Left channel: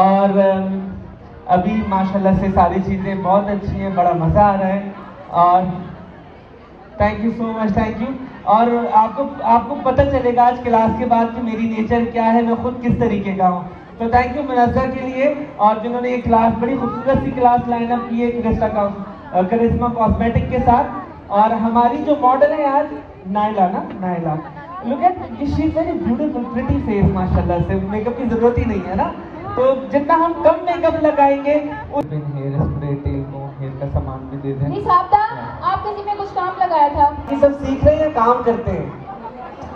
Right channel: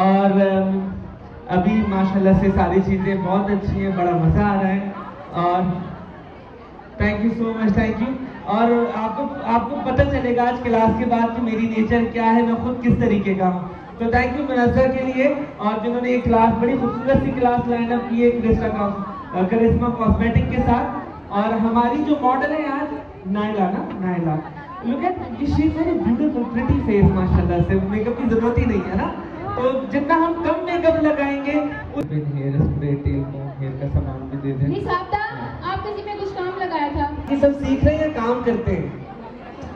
और अभी माशाल्लाह से सारी चीज़ें बहुत अच्छी हैं, बड़ा मज़ा आ रहा है और thank you so much, thank you. और आपको पता चलेगा आज क्लास के बाद कि मेरी नेचर क्या है, मैं खुद किस तरीके का हूँ। तो थैंक यू मुनज़्ज़र के लिए और जिन्होंने ये क्लास बड़ी खूबसूरत सी क्लास लाइनअप की है करिश्मा कॉस्मेटिक के साथ। और हमारी जो मॉडल है आज Naila Naila, look at she is very beautiful pretty face माशाल्लाह से, मेकअप की जरूरत ही नहीं है ना। तो जितना हम कम मेकअप लगाएंगे हेयर स्प्रे, हेयर का सामान भी दे दें। आप किसी में कुछ काम लगाया था? ये सब सीख रहे हैं, काम करते हैं।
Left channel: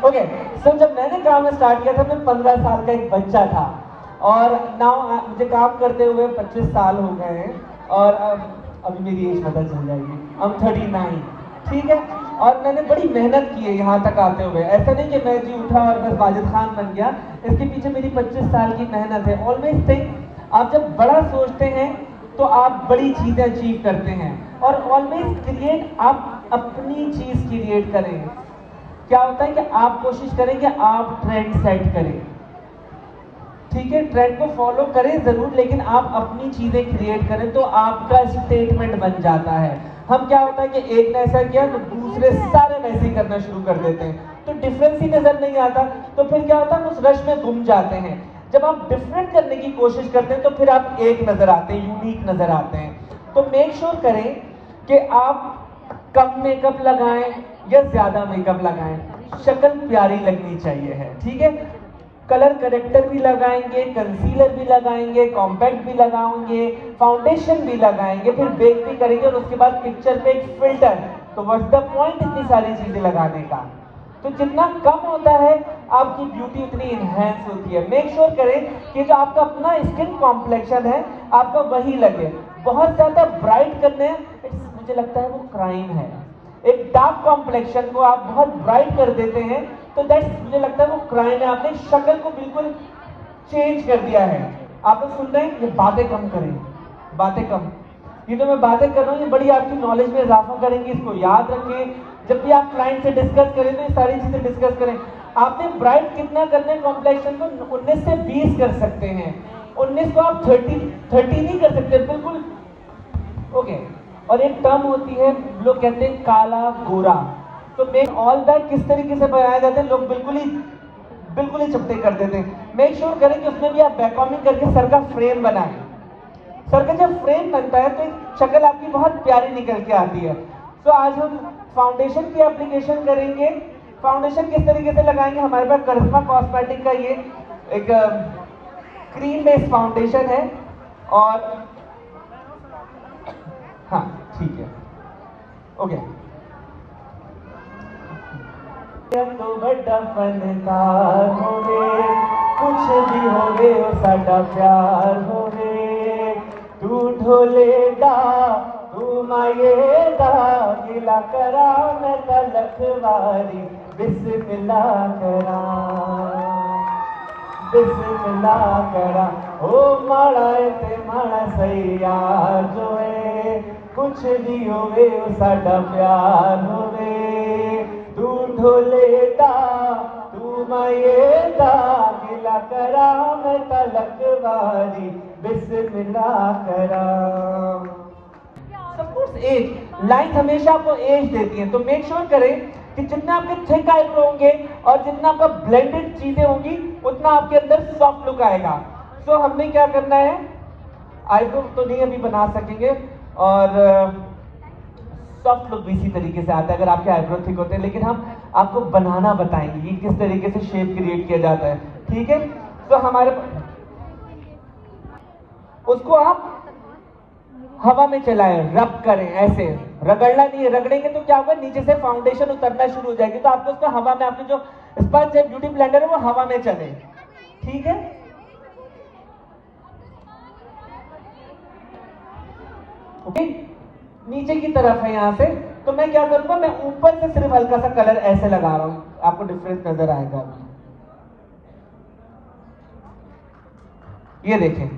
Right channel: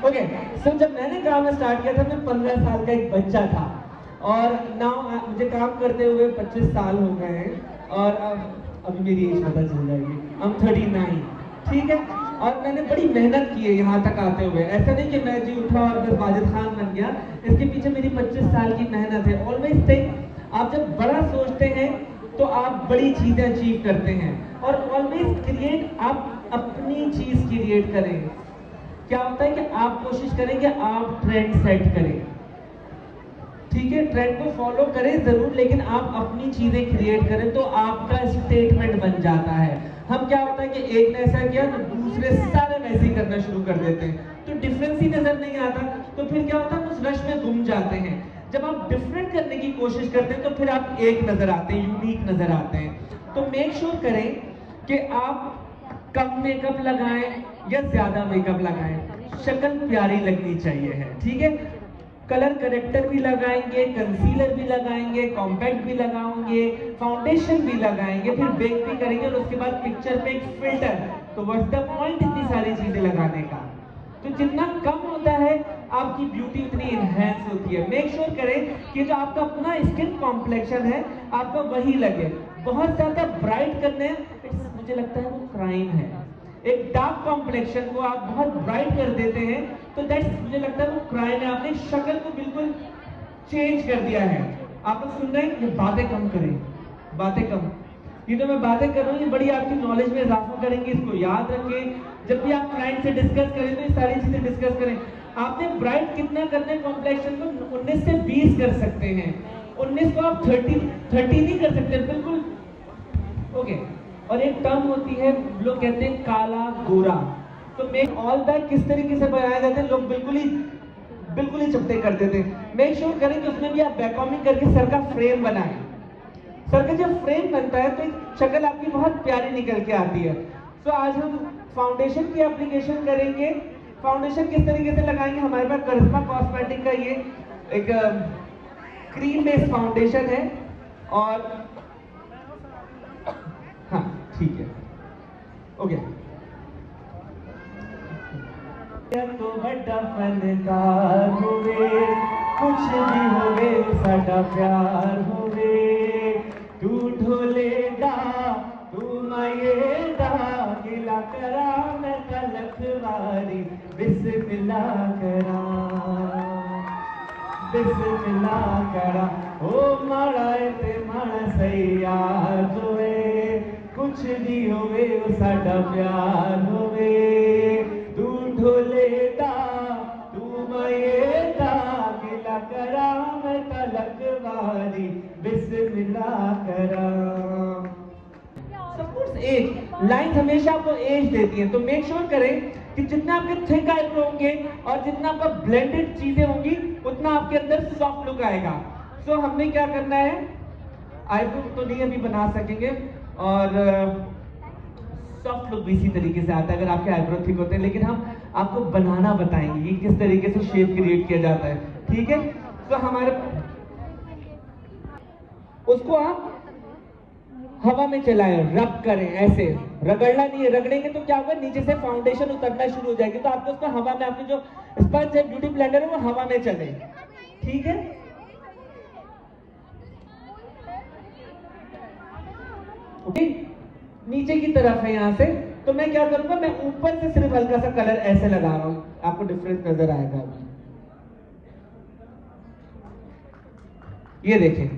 ओके सो जब मैंने काम स्टार्ट किया था मैं 15 साल का एक बच्चा था और नाउ मुझे काम करते हुए 25 साल हो गए हैं और अभी मेरी एज पता चल जाएगी, I'm 39, ठीक है। और मैंने बड़ी मेहनत की है यहाँ तक आते हुए, ऐसा नहीं कि मैं जी उठा और बस वाजिद खान बन गया, इसके पीछे मेरी 25 साल की मेहनत है। ऑलवेज थिंक, आप जब बड़ा सोचते हैं तो आप बड़ी चीज़ें अचीव करते हैं और ऑलवेज क्रिएट, आप अपनी चीज़ क्रिएट करें। क्या होता है कि आप कोशिश करें कि आप ट्रेंड सेट करें, ठीक है, ट्रेंड को फॉलो करें जरूर, लेकिन आप अपनी चीजें क्रिएट करें तो आपका स्टेटमेंट बन जाता है। हम क्या होता है कि एक ने ऐसा किया तो दूसरे सारे वैसे ही करना शुरू कर देते हैं, तो डिफरेंस ही नजर नहीं आता, तो फिर क्या होता है उस रश में गुम जाते हैं। जब आप डिफरेंट करने की कोशिश करते हैं तो फिर आप एक नजर आते हैं, यूनिक नजर आते हैं। तो मेक श्योर करें कि आप कम मेकअप लगाएं या ज्यादा मेकअप लगाएं, शक्ल प्यारी लगनी चाहिए है, ठीक है। कलर करेक्टर भी लगाएंगे, कंसीलर भी लगाएंगे, कॉम्पैक्ट भी लगाएंगे, फाउंडेशन भी लगाएंगे, फिर बेक भी करेंगे और उसके बाद पिक्चर पे एक फिल्टर। तो व्हाट्स द पॉइंट इतनी सारी चीजें लगाने का। तो जितना कम होता है आपकी ब्यूटी उतनी इनहेंस होती है। मेक श्योर करें कि जो आपका अपना स्किन कॉम्प्लेक्शन है आपका वही लगे। बहुत ज्यादा ब्राइट करने मुझे लगता है वो क्राइम है। एक डार्क कॉम्प्लेक्शन को आप बहुत ब्राइट कर देते हैं तो दैट्स, मुझे लगता है वो क्राइम है। आपने शक्ल को बिल्कुल चेंज कर दिया है। आप लोग सुन रहे हैं, ये बातें कम करें, बातें कम। ये जो मैं बातें कर रहा हूँ ये बड़ी आपकी नॉलेज में इजाफा करेंगे, इसको याद रखें। जब भी आप क्लाइंट से डिस्कस करें तो ये सारी चीजें डिस्कस करें। आपने ब्राइट कितना करना है कॉम्प्लेक्शन को, 19 से 20 कर सकते हैं, 19 को आप 30 नहीं कर सकते बिल्कुल, ओके। और एक टर्म होती है, लोग कहते हैं काला गोरा, तो मेक ऑल दैट किस तरीके से बनाया जाता है, लोग बिल्कुल ही चपटे कर देते हैं। मेक श्योर करें कि उसमें भी आप बैककॉमिंग करके सर का फ्रेम बनाएं। सर का जब फ्रेम बनता है तो शक्ल आपकी बहुत प्यारी निकल के आती है। तो आज हम फाउंडेशन की एप्लीकेशन करेंगे। फाउंडेशन किस तरीके से लगाएंगे, हमारे पास करिश्मा कॉस्मेटिक का ये एक क्रीम बेस्ड फाउंडेशन है और हाँ ठीक है, ओके। तो बड़ा फनकार होवे, कुछ भी होवे ओ साडा प्यार होवे, तू ढोले दा तू माये दा, गिला करा मैं तलक वारी, बिस्मिल्लाह करा, बिस्मिल्लाह करा। ओ माड़ा ते माड़ा सैया जोए, कुछ भी होवे ओ साडा प्यार होवे, तू ढोले दा तू माये दा, गिला करा मैं तलक वारी, बिस्मिल्लाह करा। सपोज एज, लाइन हमेशा आपको एज देती है, तो मेक श्योर करें कि जितना आपके थिक आईब्रो होंगे और जितना आपका ब्लेंडेड चीजें होंगी उतना आपके अंदर सॉफ्ट लुक आएगा। सो हमने क्या करना है, आईब्रो तो नहीं अभी बना सकेंगे और सॉफ्ट लुक भी इसी तरीके से आता है अगर आपके आईब्रो थिक होते हैं, लेकिन हम आपको बनाना बताएंगे कि किस तरीके से शेप क्रिएट किया जाता है, ठीक है। तो हमारे उसको आप हवा में चलाएं, रब करें, ऐसे रगड़ना नहीं है, रगड़ेंगे तो क्या होगा नीचे से फाउंडेशन उतरना शुरू हो जाएगी, तो आपको उसको हवा में, आपकी जो स्पंज है ब्यूटी ब्लेंडर है वो हवा में चले, ठीक है। ओके, नीचे की तरफ है यहाँ से, तो मैं क्या करूंगा, मैं ऊपर से सिर्फ हल्का सा कलर ऐसे लगा रहा हूं, आपको डिफरेंस नजर आएगा अभी। ये देखें,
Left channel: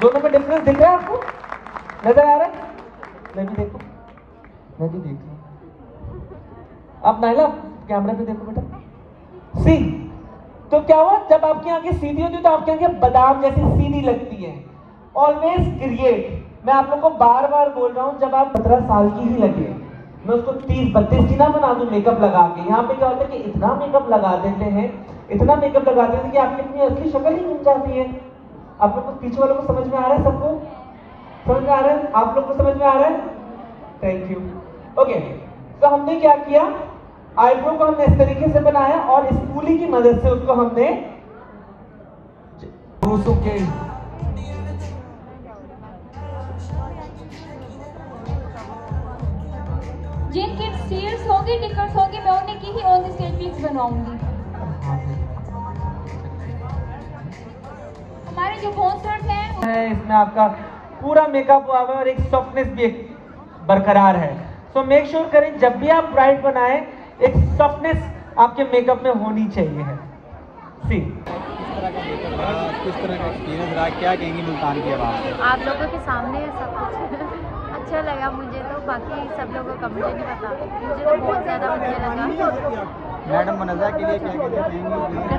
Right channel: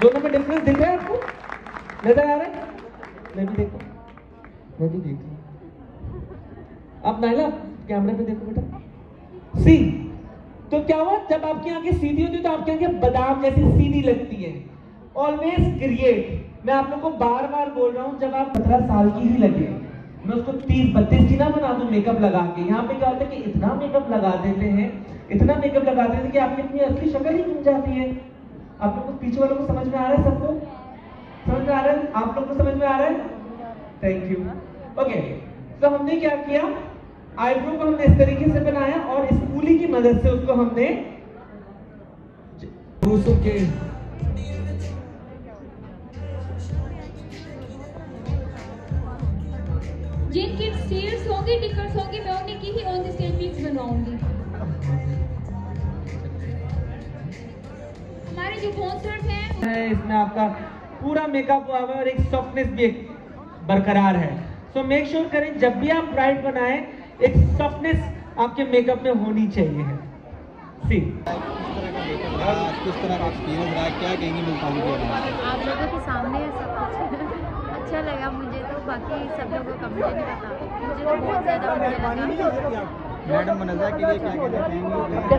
दोनों में डिफरेंस दिख रहा है आपको, नजर आ रहा है? मैं भी देखो, मैं भी देख रहा हूं। आप नाइला कैमरे पे देखो बेटा, सी। तो क्या हुआ, जब आपकी आंखें सीधी होती है तो आपकी आंखें बादाम जैसी सीधी लगती है। ऑलवेज क्रिएट, मैं आप लोग को बार बार बोल रहा हूँ, जब आप 17 साल की ही लगे, मैं उसको 30-32 की ना बना दूं मेकअप लगा के। यहाँ पे क्या होता है कि इतना मेकअप लगा देते हैं, इतना मेकअप लगा देते हैं कि आपकी अपनी असली शक्ल ही मिल जाती है। आप लोग को पीछे वालों को समझ में आ रहा है? सबको समझ में आ रहा है? आप लोग को समझ में आ रहा है? Thank you. ओके, तो हमने क्या किया, आईब्रो को हमने इस तरीके से बनाया और स्पूली की मदद से उसको हमने ब्रूसों के जिनकी स्टील्स होंगी, टिकट्स होंगी, मैं उन्हें की ही ऑन द स्टेज पिक्स बनवाऊंगी। हमारे जो स्पॉन्सर्स हैं इसमें आपका पूरा मेकअप हुआ है और एक सॉफ्टनेस भी एक बरकरार है। सो मेक श्योर करें जब भी आप ब्राइड बनाएं, एक सॉफ्टनेस आपके मेकअप में होनी चाहिए है। सी किस तरह का मेकअप रहा, किस तरह का एक्सपीरियंस रहा, क्या कहेंगी मुल्तान की आवाम से? आप लोगों के सामने सब कुछ अच्छा लगा मुझे, तो बाकी सब लोगों का मुझे नहीं पता, मुझे तो बहुत ज़्यादा अच्छा लगा। मैडम मुनज़्ज़ा के लिए क्या कहना चाहेंगी?